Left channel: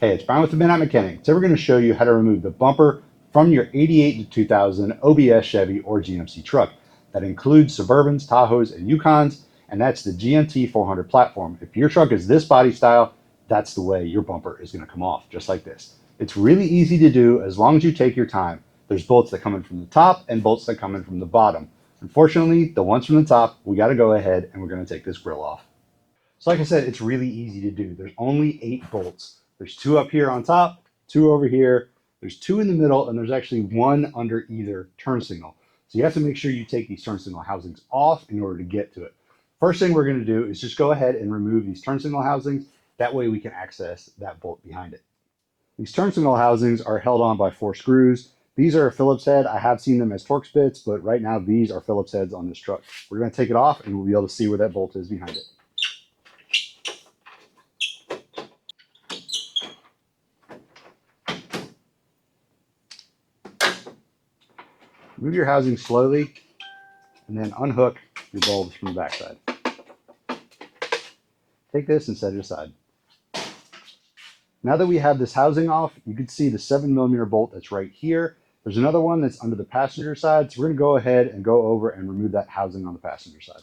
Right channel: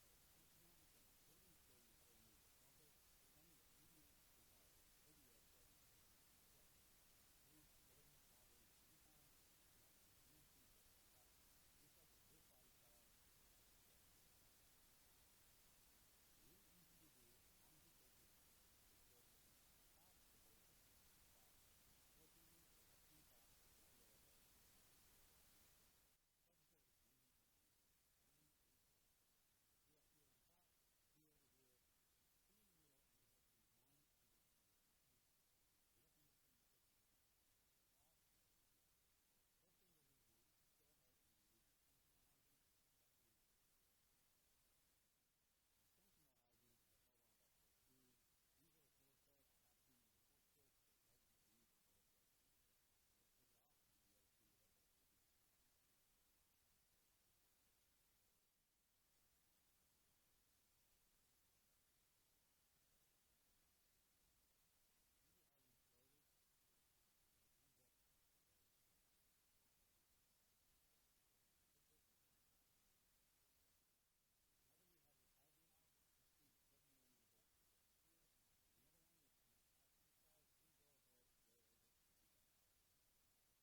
Hey, it's Brian with the Midnight Mechanic. Today we're going to show you how to remove the bumper from your 88 to 2000 OBS Chevy or GMC truck. That includes Suburbans, Tahoes, and Yukons, and that's the GMT-400 platform. If your truck is this body style, that's the way your bumper is going to come off, just like this. It's really easy to do as long as you take your time. There's bolts that come in from the top and bolts that come in from the bottom. Unfortunately, the ones from the top, we got to go ahead and we're going to take this grill off. So like I said, it's really easy to do. There's only 8 bolts. There's 2 up here on top, 2 over here, there's 2 in the middle, and there's actually 1 under either turn signal. So you have to make sure you take these turn signal housings off in order to get to it. First thing we're going to do is just go ahead and remove these turn signal housings. That way we can access that bolt behind it. These turn signal housings are held on by 4 screws. These are a Phillips head. I have seen them as Torx bits, but right now these are Phillips heads on this truck. We're going to take it off and we'll be able to see where that bolt is behind it. Move your housing slowly and then unhook your bulbs from the backside. Take this and set it aside. Now that we have this housing off, you can see the 7mm bolt that's right here. There's another one that's under the passenger side, so we're going to go ahead and go over and remove that housing on the passenger side.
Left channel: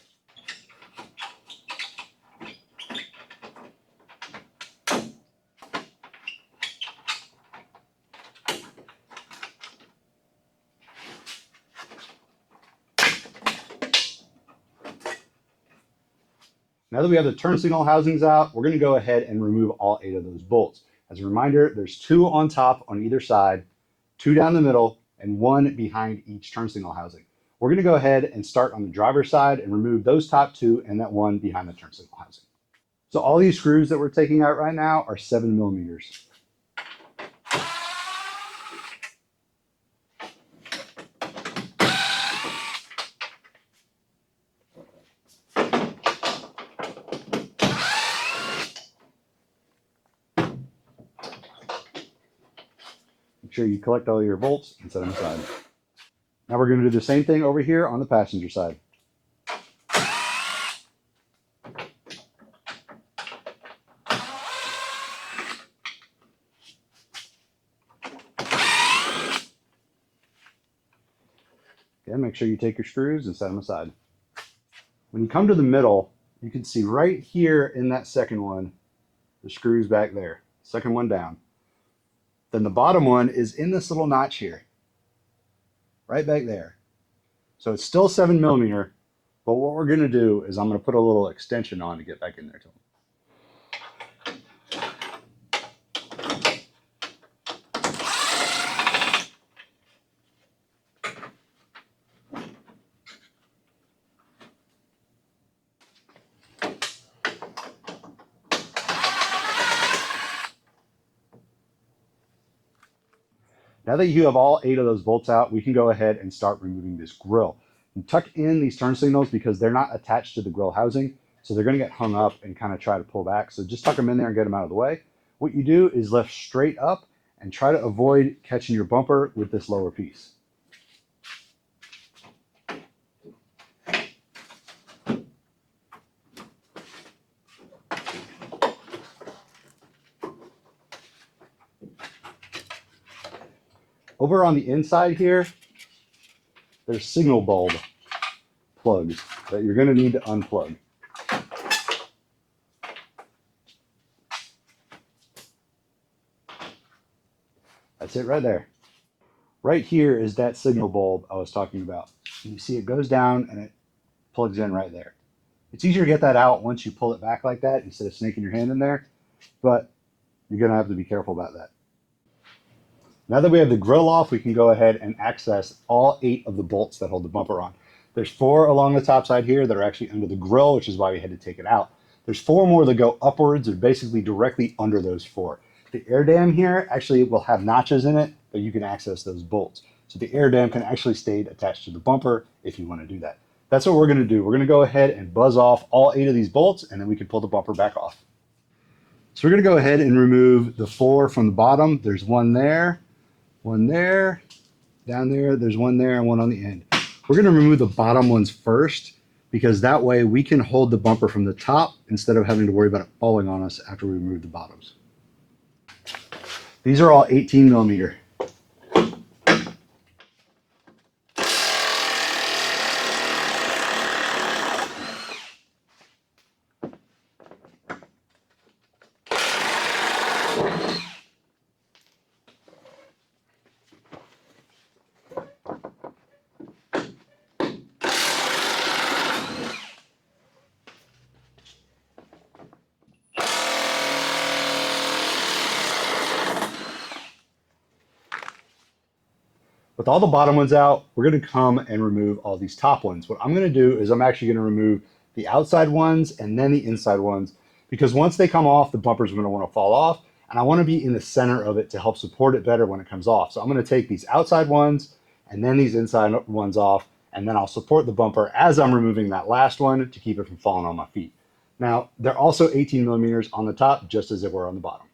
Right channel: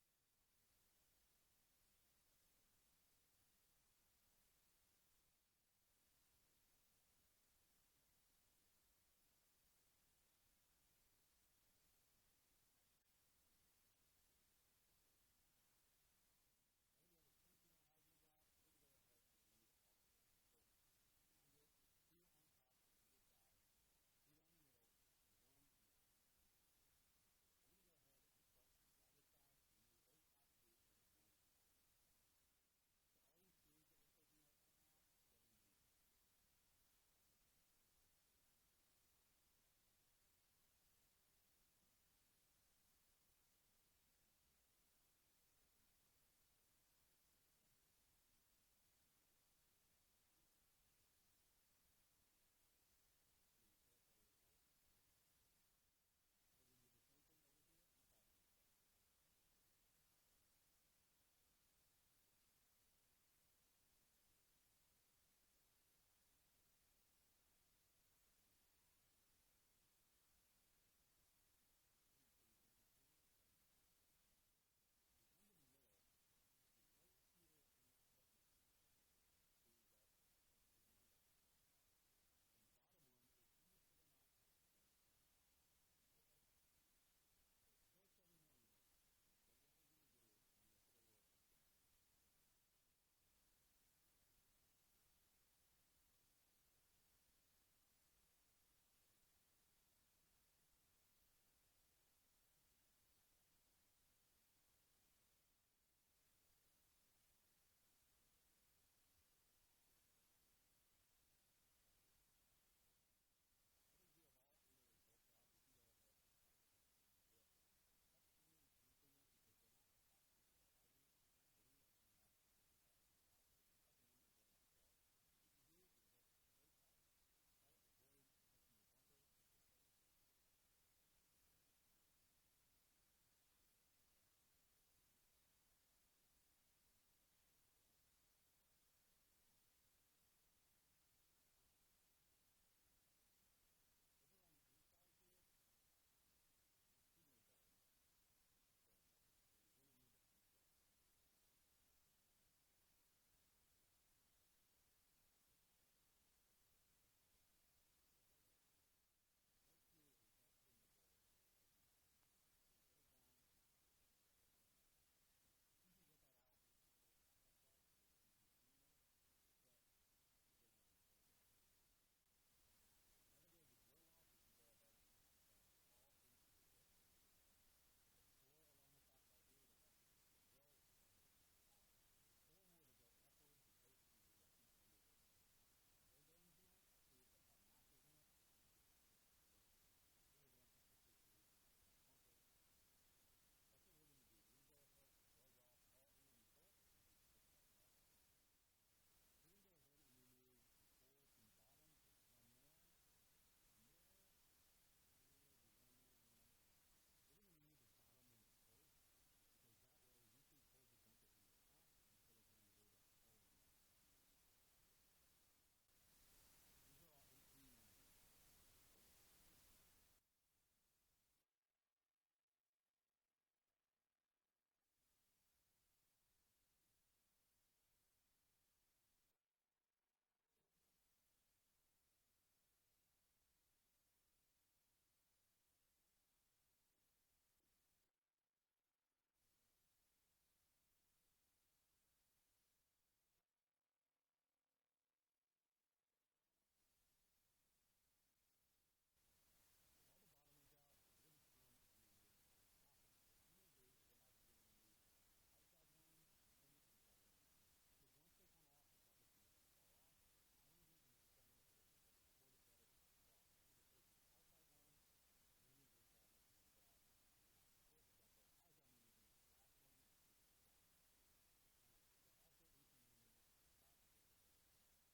Now that we have the turn signal housings out, we're going to go ahead and remove all 8 of those bolts. As a reminder, there's 2 on top on either side, 2 down the middle, and 1 behind each turn signal housing. We're going to go ahead and start on the driver's side and remove those top 2 and that 1 behind the turn signal housing. So all these screws that we're taking out right now are 7mm. Make sure you collect all your bolts and set them aside. Now we're going to do the same thing over here on the passenger side. Again, make sure you take your screws and set them aside. When you come to the middle, you can see right here in that second one, the screws back there, second one down. Then the bottom one is in this little notch here, right back there. So it's still 7mm, but what we're going to do is I'm going to put a little extension on to get back in there to them. Now that you have all 8 of those bolts out, we can go ahead and start removing this grill. And tuck in these turn signals because they're not attached to the grill housing, so they're going to get hung up and kind of try to pull back. So just tuck them in there and get them out of the way. What you do is lift straight up and try to avoid catching your bumper with this lower piece. Over on the inside here, there's signal bulb plugs that you're going to need to unplug. That's it right there. Right here is that signal bulb I was talking about. And you see it goes down and it plugs in right there. It's easier to get that out once you pull it back like that instead of snaking your hand in there, but you're going to have to be careful about that. Now that we have the grill off, we can go ahead and access all 8 of the bolts that hold the bumper on. There's 4 along the top side here that are actually under the grill, which is why we had to take it out. There's 4 more that go upwards or basically directly under those 4. The air dam here actually will have notches in it, but you can access those bolts. So the air dam can actually stay attached to the bumper if you want to do that. That's what we're going to do. We're going to go ahead and buzz off all 8 of these bolts, and then we can pull the bumper back off. So we're going to go ahead and remove the 4 from the bottom. There's 1 there. 1 there, down there, there's 1 there and 1 on the end. We're going to remove the bottom ones first because that way we can hold the bumper from the top instead of having to worry about it falling on us after we remove the bottoms. These are all 18 millimeter. With all the bottom ones out, we're going to come and remove all these top ones. What I'm going to do is I'm actually going to remove the outside ones and then the inside ones, because once they come off, the bumper's going to want to fall off, and I want to be in the center of it to help support it better when it comes off. So I'm going to take these outside ones and then these inside ones off, and then I'll support the bumper as I'm removing that last one to keep it from falling on my feet. Now, they're also 18 millimeters on the top, just as they were on the bottom.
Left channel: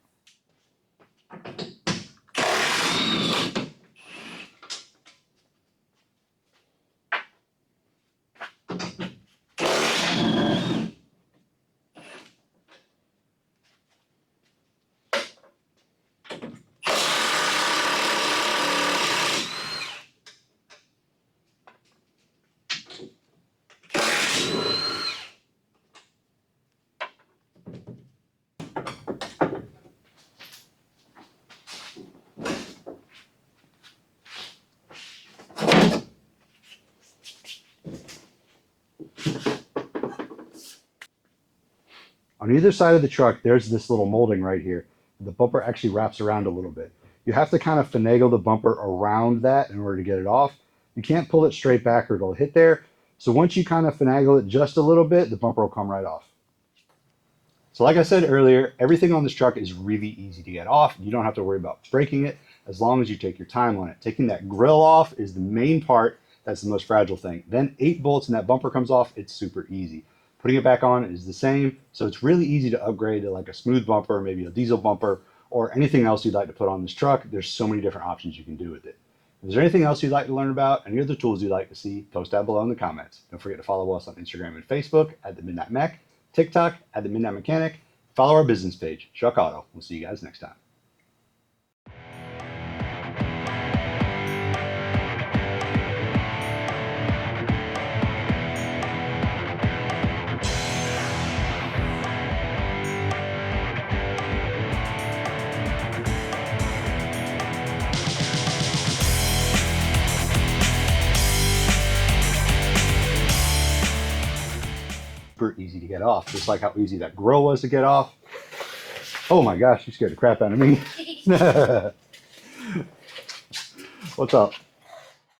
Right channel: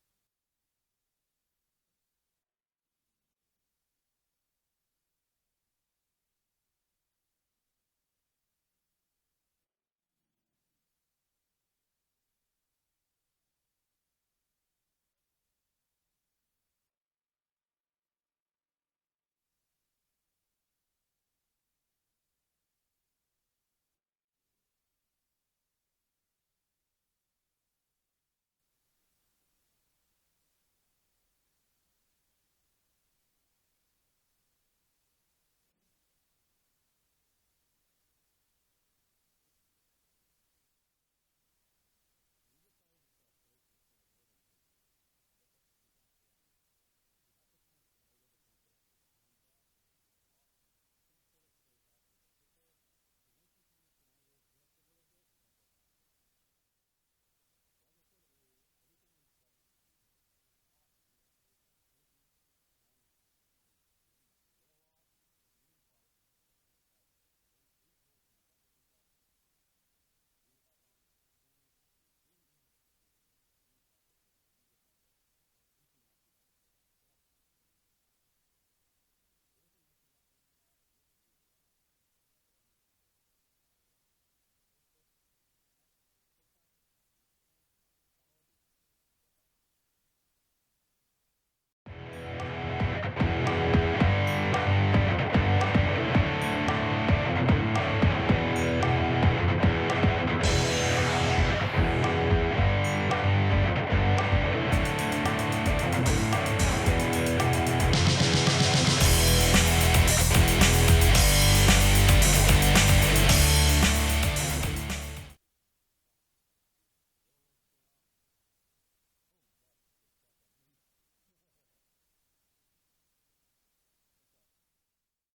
On either side of the truck, there's this little molding right here. The bumper actually wraps around a little bit. You have to kind of finagle the bumper around that in order to get it off. You can't pull it straight back or it'll hit there. So once you kind of finagle it just a little bit, the bumper will come right off. So like I said earlier, everything on this truck is really easy to get off. You don't have to worry about breaking it as long as you take your time on it. Taking that grill off is the main part. That's the most fragile thing. Then 8 bolts and that bumper comes off. It's super easy. Putting it back on is the same. So it's really easy to upgrade to like a smooth bumper, maybe a diesel bumper, or anything else you'd like to put on this truck. There's so many different options you can do with it. If there's anything else you'd like to learn about, any other tools you'd like to see, post down below in the comments. Don't forget to follow us on Instagram and Facebook at The Midnight Mech, TikTok at The Midnight Mechanic. Follow our business page, Shuck Auto. We'll see you guys next time. Super easy to get off, just like how easy that grill was to get off. Oh my gosh, you scared the crap out of me. What's up?